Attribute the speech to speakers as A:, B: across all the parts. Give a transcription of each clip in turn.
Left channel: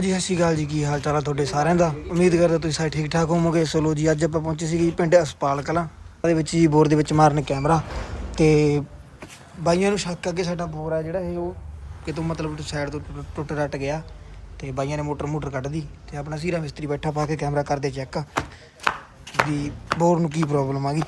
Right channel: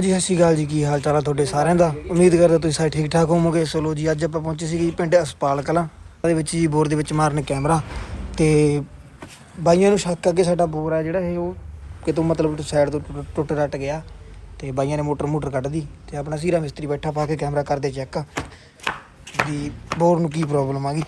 A: ਜੀ, ਸਤਿ ਸ਼੍ਰੀ ਅਕਾਲ ਜੀ, ਕੀ ਹਾਲ ਚਾਲ ਆ ਤੁਹਾਡੇ ਸਾਰਿਆਂ ਦਾ? ਉਮੀਦ ਕਰਦਾ ਤੁਸੀਂ ਸਾਰੇ ਠੀਕ ਠਾਕ ਹੋਵੋਗੇ। ਸੋ ਜੀ, ਅੱਜ ਆਪਾਂ ਪਹੁੰਚੇ ਸੀ ਪਿੰਡ ਅਸਪਾਲ ਕਲਾਂ ਉਹਦੇ ਵਿੱਚ ਜੀ ਬੋਰ ਦੇ ਵਿੱਚ ਮਾਰਨ ਕੈਮਰਾ। ਤੇ ਬਾਈਆਂ ਨੂੰ ਸ਼ੱਕ ਆ ਅੱਗੇ ਸਾਡਾ ਬੋਰ ਆ ਜਿਹੜਾ ਇਹ, ਉਹ ਕਿਤੋਂ ਮਤਲਬ ਸਾਈਡ ਤੋਂ ਟੁੱਟ- ਟੁੱਟ ਰੱਟ ਗਿਆ। ਤੇ ਬਾਈਆਂ ਨੇ ਮੋਟਰ ਮੋਟਰ ਕੱਢਦੀ ਤੇ ਆਪਣਾ ਸੀਰਾ ਮਿਸਤਰੀ ਬੈਠਾ ਪਾ ਕੇ ਕੈਮਰਾ ਕਰਦੇ ਚੈੱਕ। ਜੀ, ਬੋਰ ਨੂੰ ਕੀ ਪ੍ਰੋਬਲਮ ਆ ਗਈ?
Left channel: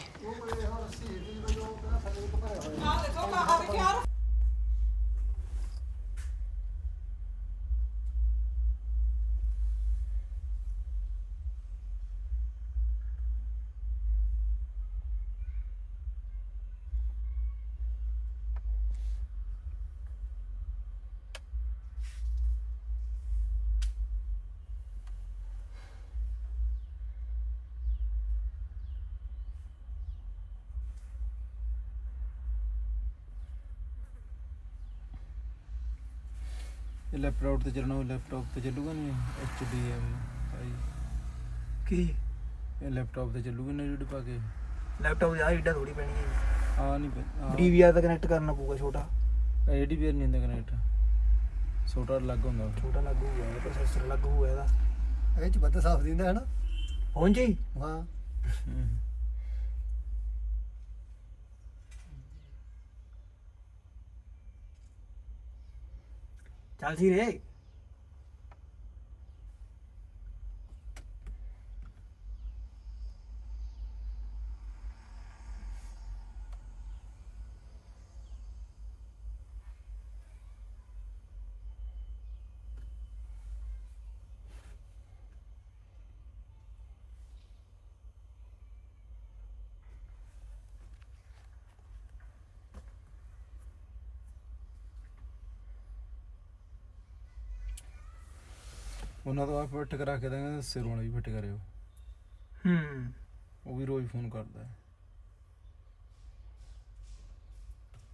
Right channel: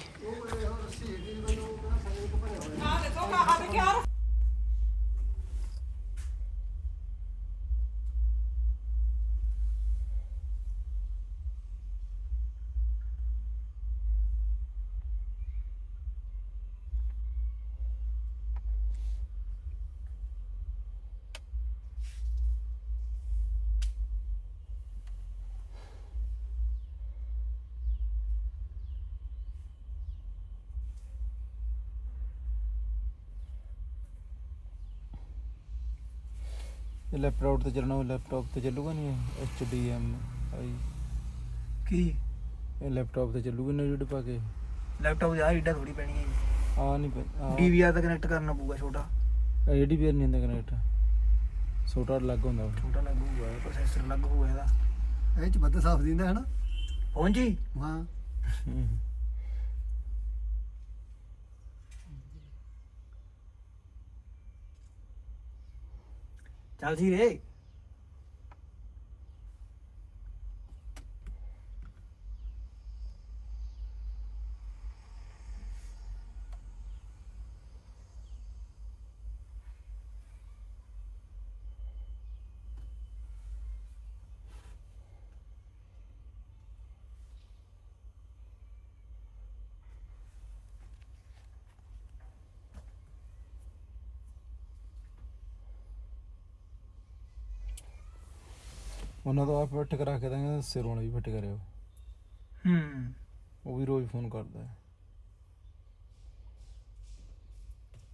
B: ਇਹ ਲੈਪਟਾਪ ਤੇ ਚੱਲਣਾ ਲੈਪਟਾਪ ਤੇ ਚੱਲੂਗਾ ਨਹੀਂ ਐਚਡੀਐਮ
A: ਕੀ?
B: ਇਹ ਲੈਪਟਾਪ ਤੇ ਚੱਲੂਗਾ ਨਹੀਂ ਰੀਡ ਪਾ ਕੇ?
A: ਲੈਪਟਾਪ ਆ ਏਡਾ ਥੋੜੀ ਪੈਣੀ ਹੈ
B: ਆ ਨਹੀਂ
A: ਡੀਵੀਆਰ ਤਾਂ ਕਨੈਕਟ ਕਰਨਾ ਪਊਗਾ ਛੋਟਾ।
B: ਏਡੀ ਵੀ ਨਹੀਂ ਹੁੰਦਾ ਕਨੈਕਟ ਛੋਟਾ ਲੱਗ ਹੁੰਦਾ ਉਹ।
A: ਛੋਟਾ ਲੱਗੂ ਹੋਇਆ ਪ੍ਰੋਸੈਸਰ ਲੱਗੂ ਹੋਇਆ ਇਹਦਾ।
C: ਇਹ ਚ ਬੱਦ ਸਾਫ਼ ਦਿੰਦਾ ਹੈ ਨਾ?
A: ਪਹੁੰਚੀ
C: ਹਾਂ।
B: ਹਮ।
A: ਚੱਲ ਸੀ ਰੇ।
B: ਉਹਨਾਂ ਤੋਂ ਆਪ ਫਿੱਟ ਕਰਾ ਕੇ ਦਾਂਗੇ ਸਿਰ ਵਾਲਾ ਵੀ ਫਿੱਟ ਕਰਿਓ।
A: ਹੂੰ।
B: ਉਹ ਵੀ ਰੋਜ਼ ਫੋਨ ਕਰਦਾ ਹੈ।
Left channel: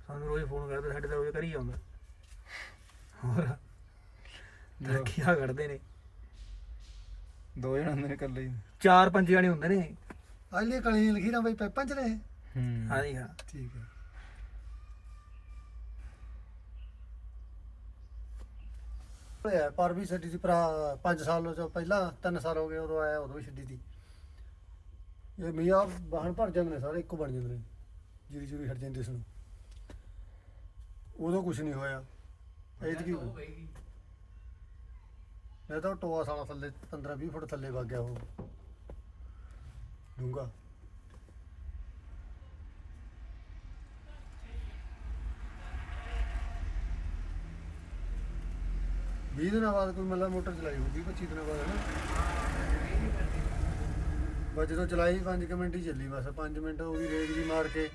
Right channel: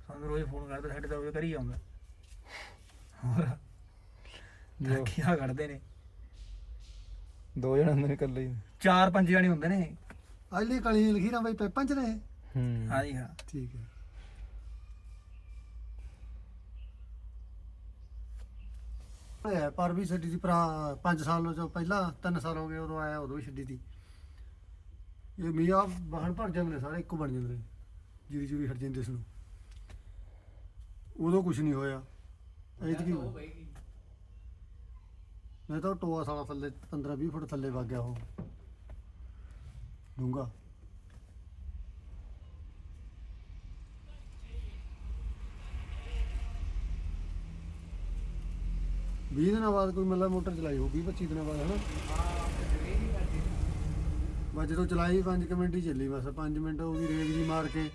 A: ਸਾਨੂੰ ਰੋਜ਼ ਫੋਨ ਕਰਦਾ ਸਾਡੇ ਤਾਂ ਉਹ ਕਰੀ ਆਉਂਦਾ। ਹੋਰ ਧਰਕੀਆਂ ਕੱਢਦੇ ਨੇ।
B: ਦੋ ਜਣੇ ਹੁੰਦੇ ਨੇ ਇਕੱਲੇ ਹੀ।
A: ਚਾਰ ਪੰਜ ਜਾਣੇ ਹੁੰਦੇ ਨੇ।
C: ਅਜਲੀ ਕਲੀ ਲਖੀਰਾਂ ਬਈ ਪੈਪਾਂ ਚ ਰਹੇ
B: ਹੂੰ।
A: ਹਾਂਜੀ ਹਾਂ।
C: ਠੀਕ ਹੈ। ਹੋਇਆ ਪਰ ਵੀ ਛੱਡੀ ਸੀ ਭਰਾ 5 ਸਾਲ ਤੋਂ ਪਹਿਲਾਂ 3 ਸਾਲ ਹੋ ਗਏ ਉਦੋਂ ਆਇਆ ਉਦੋਂ ਵੀ ਛੱਡੀ ਸੀ। ਇਹ ਮੀਆਂ ਵਾਹਣ ਭਰ ਜਾਂਦੇ ਨੇ ਸਾਰੇ ਇੱਕੋ ਬਣ ਜਾਂਦੇ ਨੇ। ਜੀਰੀ ਜੂਰੀ ਹਟ ਜਾਂਦੀ ਇਸ ਨੂੰ ਉਦੋਂ ਕੁਝ ਨਹੀਂ ਹੋਇਆ। ਐਤਕੀ ਮੈਂ ਤਾਂ ਟੋਆ ਸਾਲਾ ਥੱਲੇ 15 20 ਫੁੱਟ ਥੱਲੇ ਵਗ ਗਿਆ ਉਹ। ਡੂੰਗਾ ਵੀਹ ਦਿਨਾਂ ਬਾਅਦ ਕੋਈ ਮਤਲਬ ਮੋਟਰ ਚਲਾਈ ਹੋਊਗੀ 25 ਦਿਨਾਂ ਬਾਅਦ, ਹਨਾ? ਬਸ ਜਦੋਂ ਚਲਾਈ 5 ਮਿੰਟ ਹੀ ਚੱਲੀ, ਬਸ 5 ਮਿੰਟ ਉਹ ਵੀ ਰੇਂਜ ਜੀ ਮਾਰ ਕੇ,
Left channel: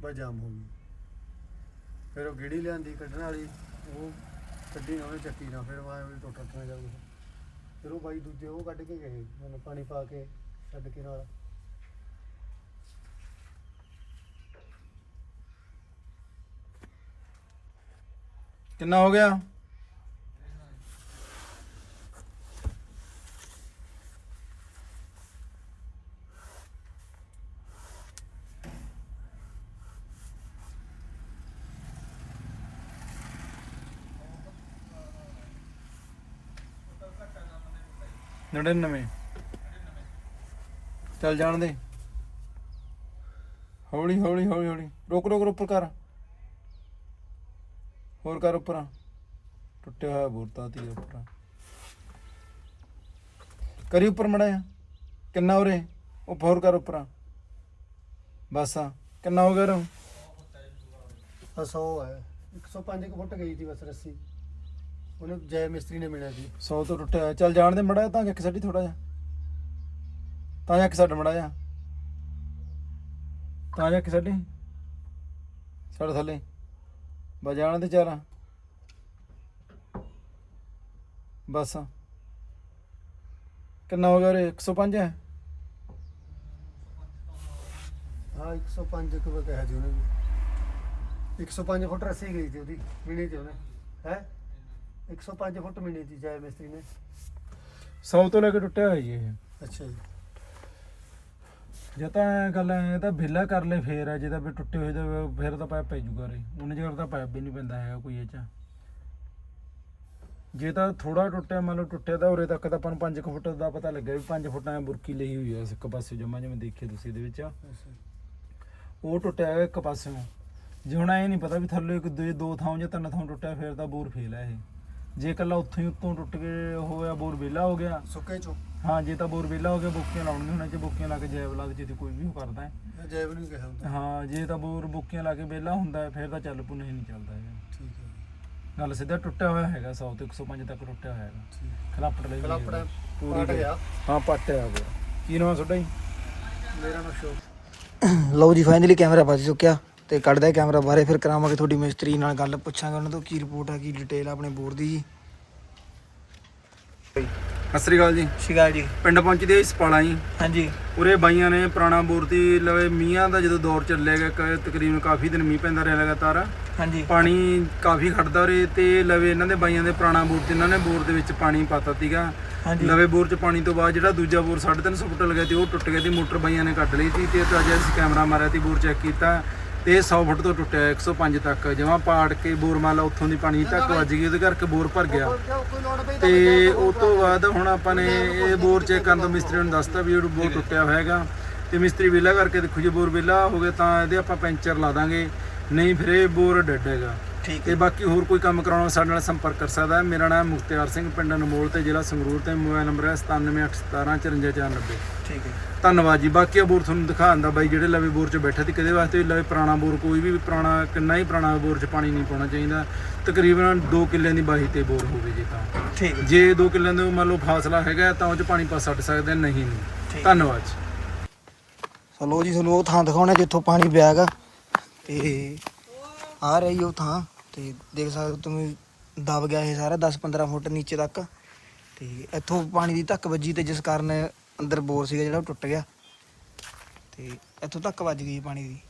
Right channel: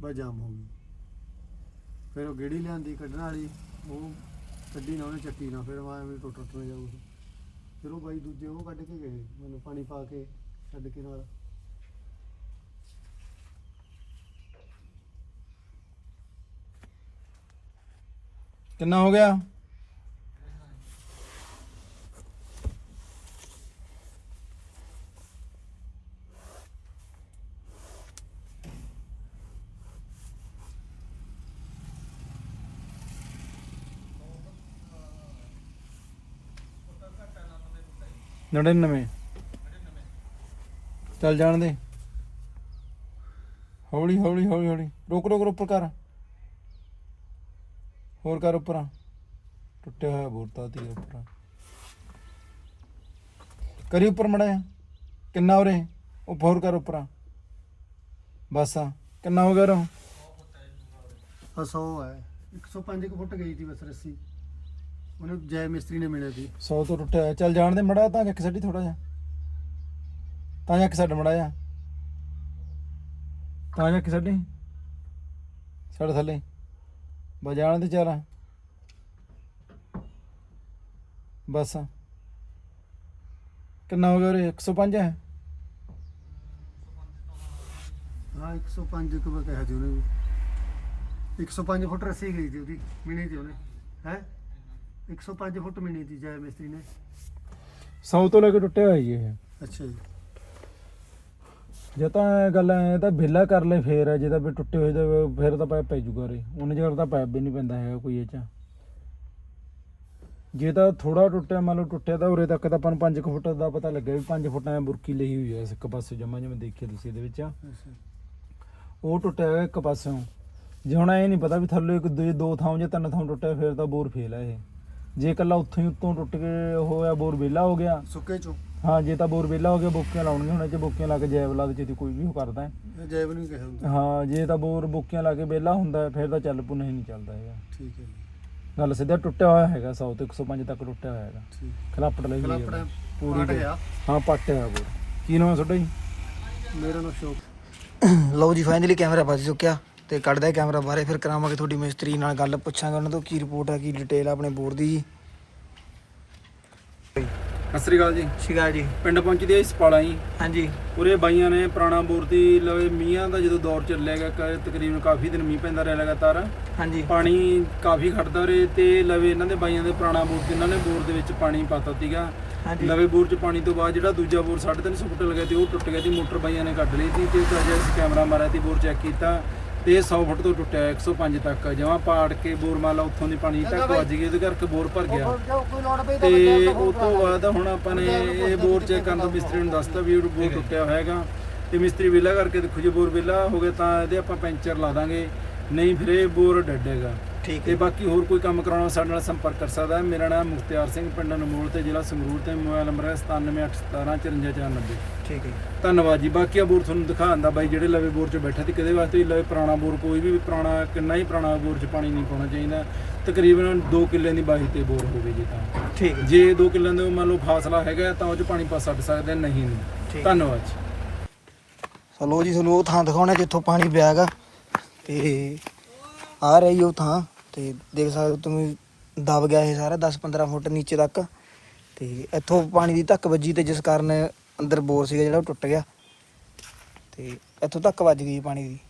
C: ਬਸ ਜਾਮ ਹੋ ਗਈ। ਫਿਰ ਉਹ ਗੇੜੀ ਲਿਆਂਦੀ ਕੱਢਣ ਵਾਲੀ, ਉਹ ਕੱਢੀ ਨਾ ਉਹਨੇ, ਚੱਕੀ ਨਾ, ਫਿਰ ਮੈਂ ਵੀ ਟੁੱਟ ਟੁੱਟ ਜਾਊ। ਫਿਰ ਉਹ ਬਾਈ ਦੂਜੇ ਉਹ ਕੱਢ ਕੇ ਗਏ, ਮੈਨੂੰ ਪਾਣੀ ਪਾ ਕੇ ਛੱਡ ਕੇ ਨਾਲ।
B: ਕਿੰਨਾ ਹੋ ਗਿਆ? ਨੜਿਨਵੇਂ। ਚੱਲ ਜਾਣ ਦੇ। ਹੌਲੀ ਹੌਲੀ ਹੌਲੀ ਹੌਲੀ। ਰੋਕ ਰੋਕ ਉੱਪਰ ਕਰ। ਹੋਰ ਕਰ ਉੱਪਰ। ਟੁੱਟਿਆ ਹੋਇਆ ਬੋਰਤਾ ਤੇ ਉੱਪਰ। ਕਰੀ ਉੱਪਰ ਮੜਿਆ ਕਿੰਨਾ ਉਰੇ? ਉਹ ਹੋਰ ਕਰ ਉੱਪਰ। ਬਸ ਕਿੰਨਾ ਹੋ ਗਿਆ ਰੋ
C: ਆ 100 ਹੈ। 105 ਫੁੱਟ ਗਈ ਸੀ ਬਸ ਰੱਸੀ। ਉਹਨੇ ਜੈ ਮਿਸਤਰੀ ਨੇ ਮਿਲਿਆ ਸੀ।
B: 100 ਤੋਂ ਟੁੱਟਿਆ ਹੋਇਆ। ਚੱਲ ਜਾਣ ਦੇ ਮੜਾ ਤਾਂ ਇੱਕ ਸਾਡੀ ਥੋੜਾ ਜਿਹਾ। ਤਾਂ ਇੱਕ ਸਾਡ ਮੜਾ ਜਾ ਤਾਂ ਇੱਕ ਸਾਡੀ ਸਾਡ ਥੱਲੇ। ਬਸ ਜਾਣ ਦੇ ਚਾਰਾ ਬਸ। ਕਿੰਨਾ ਹੋ ਗਿਆ ਰੇ 105 ਹੈ?
C: ਹਾਂ 105 ਕੁ ਕਿਹਾ ਸੀ ਉਹਨੇ ਵੀ। 105 ਫੁੱਟ ਰੱਸੀ ਗਈ ਸੀ ਉਹਦੀ ਮਿਣੀ ਤੇ ਉਹਨੇ। ਹੈ? 105 ਫੁੱਟ ਮਿਣੀ ਦੀ ਜੈ ਮਿਸਤਰੀ ਨੇ।
B: 100 ਤੋਂ ਲੈ ਕੇ ਟੁੱਟਿਆ ਹੋਇਆ ਜੀ ਇਹ।
C: ਅੱਛਾ ਜੀ।
B: ਜੇ ਤਾਂ ਇਹ ਗੱਲ ਐ ਤਾਂ ਵਿਹਲਾ ਕਰ ਲੈ ਫੇਰ ਹੈ ਜੇ ਤਾਂ ਵੀ ਟੁੱਟੇ ਹੋਏ ਤਾਂ ਫਿਰ ਤਾਂ ਪੈਪ ਪੈ ਜੂਗਾ ਰੇ ਉਹਨੇ ਜਗਰ ਤਾਂ ਪੈਪ ਵੀ ਨਹੀਂ ਪੈਂਦਾ ਹੈਗਾ ਕੋਈ ਇਹ ਚ। ਜੇ ਤਾਂ ਥੋੜਾ ਟੁੱਟਿਆ ਮੰਨ ਲਓ ਟੁੱਟਿਆ ਤਾਂ ਉਰੇ ਤੱਕ ਤਾਂ ਆਪਾਂ ਨੂੰ 5 ਫੁੱਟ ਦਾ ਪਤਾ ਲੱਗਿਆ ਵੀ 5 ਫੁੱਟਾਂ ਦੀ ਬੁਰਕੀ ਲਈ ਹੋਈ ਹੈ ਇਸ ਇੱਕ ਪਾਸੇ ਜਮਾ ਜਿਵੇਂ ਦੇਖਿਆ ਤੁਸੀਂ ਇਹਦੇ ਵਿੱਚ। ਉਹ ਟੁੱਟਿਆ ਹੋਇਆ ਇੱਕ ਪਾਸਿਓਂ। ਜੇ ਹੁਣ ਇਹ ਨਹੀਂ ਪਤਾ ਵੀ ਥੱਲੇ ਇੱਕ ਦੋ ਦੋ ਥਾਂ ਜਾਂ ਤਿੰਨ ਥਾਂ ਟੁੱਟਿਆ ਫਿਰ ਤਾਂ ਬੋਰ ਫੇਲ ਹੈ ਇਹ। ਜੇ ਇਕੱਲਾ ਉੱਥੋਂ ਹੀ ਉੱਤੋਂ ਟੁੱਟ ਕੇ ਹੋਇਆ ਬੋਰ ਵਿਹਲਾ ਹੋ ਗਿਆ।
C: ਸੁੱਕੇ ਚੋਂ।
B: ਹਾਂ ਜੇ ਤਾਂ ਬੋਰ ਵਿਹਲਾ ਹੋ ਗਿਆ ਬੋਕੀਆਂ ਲਾਉਣੀਆਂ ਹੁਣ ਚ ਬੋਕੀਆਂ ਲਾ ਕੇ ਜੈਬ ਲਾ ਦੇ ਜੇ ਕੋਈ ਵੀ ਉਹ ਕਰਦਾ ਹੈ।
C: ਇਹ ਜੈਬ ਨੂੰ ਕਿਹਾ ਹੁੰਦਾ
B: ਹਾਂ ਜੇ ਤਾਂ ਬੋਰ ਬੋਕੀਆਂ ਲਾ ਕੇ ਵਿਹਲਾ ਹੁੰਦਾ ਹੈ, ਫਿਰ ਤਾਂ ਚੱਲ ਪੂ ਨਹੀਂ ਨਹੀਂ ਚੱਲਦਾ ਹੈਗਾ।
C: ਠੀਕ ਹੈ ਜੀ,
B: ਗੱਲ ਸਿੱਧਾ ਟੁੱਟਿਆ ਹੋਇਆ ਹੈਗਾ 100 ਤੋਂ 105 ਤੱਕ ਟੁੱਟਿਆ ਹੋਇਆ ਹੈਗਾ।
C: ਠੀਕ
B: ਖਲਾਪੜ ਲਈ ਹੋਈ
C: ਖਲਾਪੜਾ
B: ਹੈਗਾ। ਪੂਰੀ
C: ਪਾਟ
B: ਬੋਰ।
C: ਗਿਆ।
B: ਹਾਂ ਪੱਟਿਆ ਬੋਰ। ਕੀ ਨਾਮ ਤੁਹਾਡਾ ਜੀ?
C: ਮੇਰਾ ਨਾਮ ਸ਼ੋਕ
A: ਲਓ ਜੀ ਫਾਈਨਲੀ ਕੈਮਰਾ ਵੱਜ ਚੁੱਕਿਆ। ਤੇ ਕੱਢਦਾ ਕੈਮਰਾ ਬਾਰੇ ਫਿਰ ਕਰਾਵਾਂਗੇ ਤੁਹਾਡੀ ਮਿਸਤਰੀ ਨਾਲ ਗੱਲ ਪੁੱਛਾਂਗੇ ਉਹਨਾਂ ਤੋਂ ਕੀ ਰਿਪੋਰਟ ਆ ਕੀ ਡਿਟੇਲ ਆਪਣੇ ਬੋਰ ਦੀ ਜੀ।
B: ਸਤਿ ਸ੍ਰੀ ਅਕਾਲ ਜੀ।
A: ਸ਼ਿਕਾਰ ਜੀ।
B: ਪਿੰਡ ਪਹੁੰਚਦੇ ਜੀ।
A: ਹਾਂਜੀ।
B: ਉਰੇ ਬਾਈਆਂ ਨੇ ਪੁਰਾਣਾ ਬੋਰ ਦੀ ਲਵੇ ਮੀਂਹਾਂ ਦਾ ਜਦੋਂ ਦੌਰ ਚੱਲਿਆ ਗਿਆ ਕ- ਤਕਰੀਬਨ ਕਾਫੀ ਦਿਨ ਮੀਂਹ ਪੈਂਦਾ ਰਿਹਾ ਲਗਾਤਾਰ।
A: ਹਾਂਜੀ।
B: ਪਾਣੀ ਕਾਫੀ ਖੜਦਾ ਉਰੇ ਤੇ ਲਵੇ ਇਹਨਾਂ ਦੇ ਬਾਈਆਂ ਦੇ ਪੁਰਾਣਾ ਬੋਰ ਤੇ ਇਹਨਾਂ ਨੇ ਬੋਰ ਦੇ ਵਿੱਚ ਪਾਣੀ ਪਾਤਾ ਸੀਗਾ।
A: ਹਾਂਜੀ।
B: ਲਵੇ ਬੋਰ ਚ ਪਾਣੀ ਤੋਂ ਬਾਅਦ ਜਿਹੜਾ ਦੂਜਾ ਬੋਰ 350 ਫੁੱਟ ਲੱਗਿਆ ਤੇ ਉਹ ਟੁੱਟ ਗਿਆ ਤੇ ਮੋਟਰ ਬਾਈਆਂ ਨੇ ਕੱਢ ਲਈ ਸੀ ਤੇ ਤਾਂ ਅਜੇ ਅਸੀਂ ਕੈਮਰਾ ਮਾਰਿਆ ਤੇ ਬੋਰ ਚੈੱਕ ਕੀਤਾ। ਤੇ ਇਹ 100 ਫੁੱਟ ਤੋਂ ਟੁੱਟਿਆ 105 ਤੱਕ। ਜਮਾਂ ਪਾੜ ਕੇ ਬੋਰ ਮਾਲਾ ਉੱਥੋਂ ਦੀ ਪਾਣੀ ਤੱਕ ਵੱਜ ਗਈ, ਉਹਦੇ ਕਰਕੇ ਬੋਰ ਭਰ ਗਿਆ। ਤੇ ਉਸ ਤੋਂ ਬਾਅਦ ਹੁਣ ਆਪਾਂ ਨੇ ਇਹ ਬੋਰ ਚੈੱਕ ਕਰਨ ਤੋਂ ਮਿਸਤਰੀ ਨੂੰ ਦੱਸਤਾ ਵੀ ਉਹ ਬੋਰ ਟੁੱਟਿਆ ਹੋਇਆ ਹੈਗਾ ਤੇ ਮਿਸਤਰੀ ਵਿਹਲਾ ਕਰਕੇ ਦੇਖੋ, ਜੇ ਬੋਰ ਵਿਹਲਾ ਹੋ ਗਿਆ ਤਾਂ ਇਹਦੇ ਆਪਾਂ ਪੈਂਚਰ ਲਾ ਦਾਂਗੇ, ਨਹੀਂ ਫਿਰ ਇਹ ਬੋਰ ਡੱਡੇਗਾ।
A: ਠੀਕ
B: ਤੇ ਬਾਕੀ ਹੋਰ ਕੋਈ ਕੰਮ ਕਰਾਉਣਾ ਸਾਡੇ ਨਾਲ ਸੰਪਰਕ ਕਰ ਸਕਦਾ ਹੈ। ਮੇਰਾ ਨਾਮ ਮੁਖਤਿਆਰ ਸਿੰਘ ਪਿੰਡ ਅਨਮੋਲ ਤੇ ਜ਼ਿਲ੍ਹਾ ਸੰਗਰੂਰ ਤੇ ਮੋਬਾਈਲ ਨੰਬਰ ਹੈ 9781175494
A: ਠੀਕ ਹੈ।
B: ਧੰਨਵਾਦ ਜੀ। ਬਾਕੀ ਆ ਬੋਰ ਤੁਹਾਨੂੰ ਦਿਖਾਉਣ ਦਾ ਬਾਈ ਜਿਹੜੇ ਲਵੇ ਬੋਰ 'ਚ ਬੈਠਾ ਸੀ ਕਿਹਦੇ ਵਾਸਤੇ ਵੀ ਲਵੇ ਪੁਰਾਣਾ ਬੋਰ ਕੋਈ ਵੀ ਪੁਰਾਣਾ ਕਿੰਨਾ ਹੀ ਪੁਰਾਣਾ ਬੋਰ 'ਚ ਪਾਣੀ ਨਹੀਂ ਪਾਉਣਾ ਚਾਹੀਦਾ। ਤਕਰੀਬਨ 2 ਕਿੱਲਿਆਂ ਦੀ ਬਾਹੀ ਤੇ ਬੋਰ ਹੋਵੇ ਜੀ ਤਾਂ।
A: ਠੀਕ ਹੈ।
B: ਜੇ 2 ਕਿੱਲਿਆਂ ਦਾ ਮੰਨ ਲਓ ਫਾਸਲਾ ਹੈਗਾ ਤਾਂ ਉਹ 'ਚ ਪਾਣੀ ਪਾ ਛੱਡ ਸਕਦੇ ਹਾਂ, ਨਹੀਂ ਨਹੀਂ।
A: ਠੀਕ।
B: ਧੰਨਵਾਦ ਜੀ।
A: ਚਲੋ ਜੀ ਤੁਹਾਨੂੰ ਉਹ ਥਾਂ ਦਿਖਾਉਣਾ ਜਿੱਥੋਂ ਪਾਣੀ ਪਿਆ ਹੈਗਾ। ਤੇ ਆ ਰਹੀ ਉਹ ਥਾਂ। ਤੇ ਦੇਖ ਸਕਦੇ ਹੋ ਤੁਸੀਂ ਦਬ ਗਿਆ ਇਹ ਸਾਰਾ 10-15 ਫੁੱਟ ਨੀਚੇ ਤੱਕ। ਤੇ ਇੱਥੋਂ ਪਾਣੀ ਦੀ ਧੱਕ ਵੱਜੀ ਤੇ ਜਿਸ ਕਾਰਨ ਅੰਦਰ ਬੋਰ ਸੀਗਾ ਜਿਹੜਾ ਉਹ ਟੁੱਟ ਗਿਆ। ਤੇ ਇੱਥੋਂ ਤੱਕ ਵੱਜ ਗਈ ਪਾਣੀ ਦੀ।